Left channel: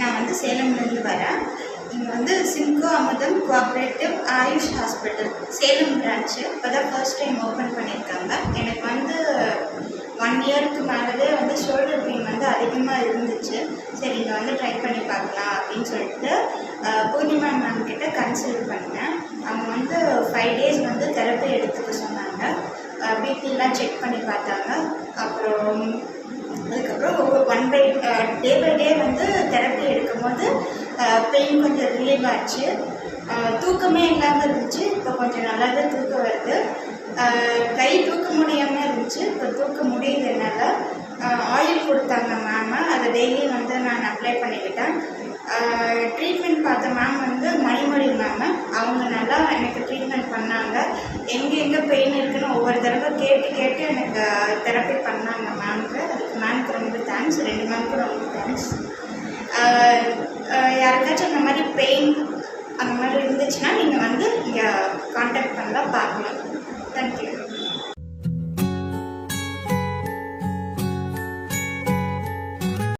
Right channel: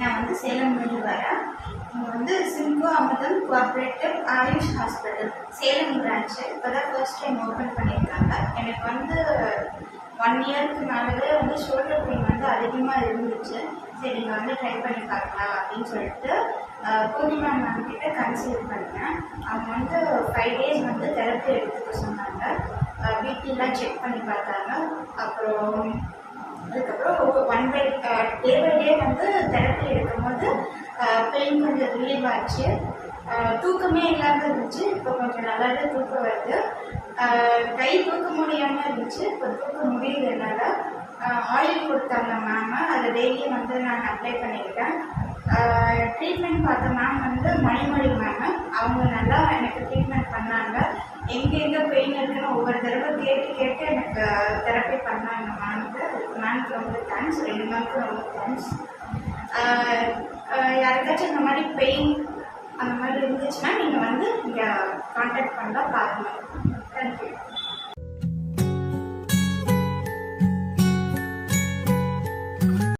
நான் வந்து சேலம்லேருந்து வரேன். இங்கே வந்து Simco Amudham cooperative Ayush hospital Salem branch இப்போ தான் ஃபர்ஸ்ட் டைம் ஓப்பன் பண்ணியிருக்காங்க. எனக்கு வந்து ஒன் இயருக்கு மேலே வந்து ஷோல்டர் பெயின் வந்து அதிகமாக இருந்துச்சு. சரி இங்கே வந்து ட்ரை பண்ணி பார்க்கலாம் அப்படின்னு சொல்லிட்டு பூர்ணிமா மேம் கிட்ட கன்சல்ட் பண்ணேன். அவங்க வந்து ஃபைவ் டேஸ் வந்து தெரப்பி எடுத்துக்க சொன்னாங்க. பிபிலாம் செக் பண்ணி பார்த்தாங்க. அப்புறம் டே பை டே வந்து தெரப்பி எடுக்கும்போது பெயின் கொஞ்சம் ரிலீவ் ஆச்சு. தூக்கமே இல்லாமல் இருந்துச்சு. இப்போ கொஞ்சம் நல்லாவே தூக்கம் வருது. கை தூக்க முடியாமல் இருந்துச்சு. இப்போ தூக்க முடியுது என்னால் ஆயில் கொடுத்தாங்க மேம் அதை டெய்லி வந்து நான் அப்ளை பண்ணிக்கிட்டேன். ட்ரீட்மெண்ட் பார்த்த மேம் வந்து மணிமொழி மேம் அவங்க நல்லா எனக்கு ட்ரீட்மெண்ட் பண்ணாங்க எங்கே எங்கே பெயின் இருக்குன்னு ஒவ்வொரு தடவை கேட்டு கேட்டு எனக்கு தெரப்பி பண்ணாங்க மேம்க்கு அதுக்கு மேம்க்கு ரொம்ப தேங்க்ஸ் ரெண்டு மேம்க்கு ரொம்ப தேங்க்ஸ் யாருக்காச்சும் அந்த மாதிரி பெயின் அந்த மாதிரி இருந்துச்சுன்னா நீங்கள் வந்து இங்கே காண்டாக்ட் பண்ணலாம் பார்க்கலாம்.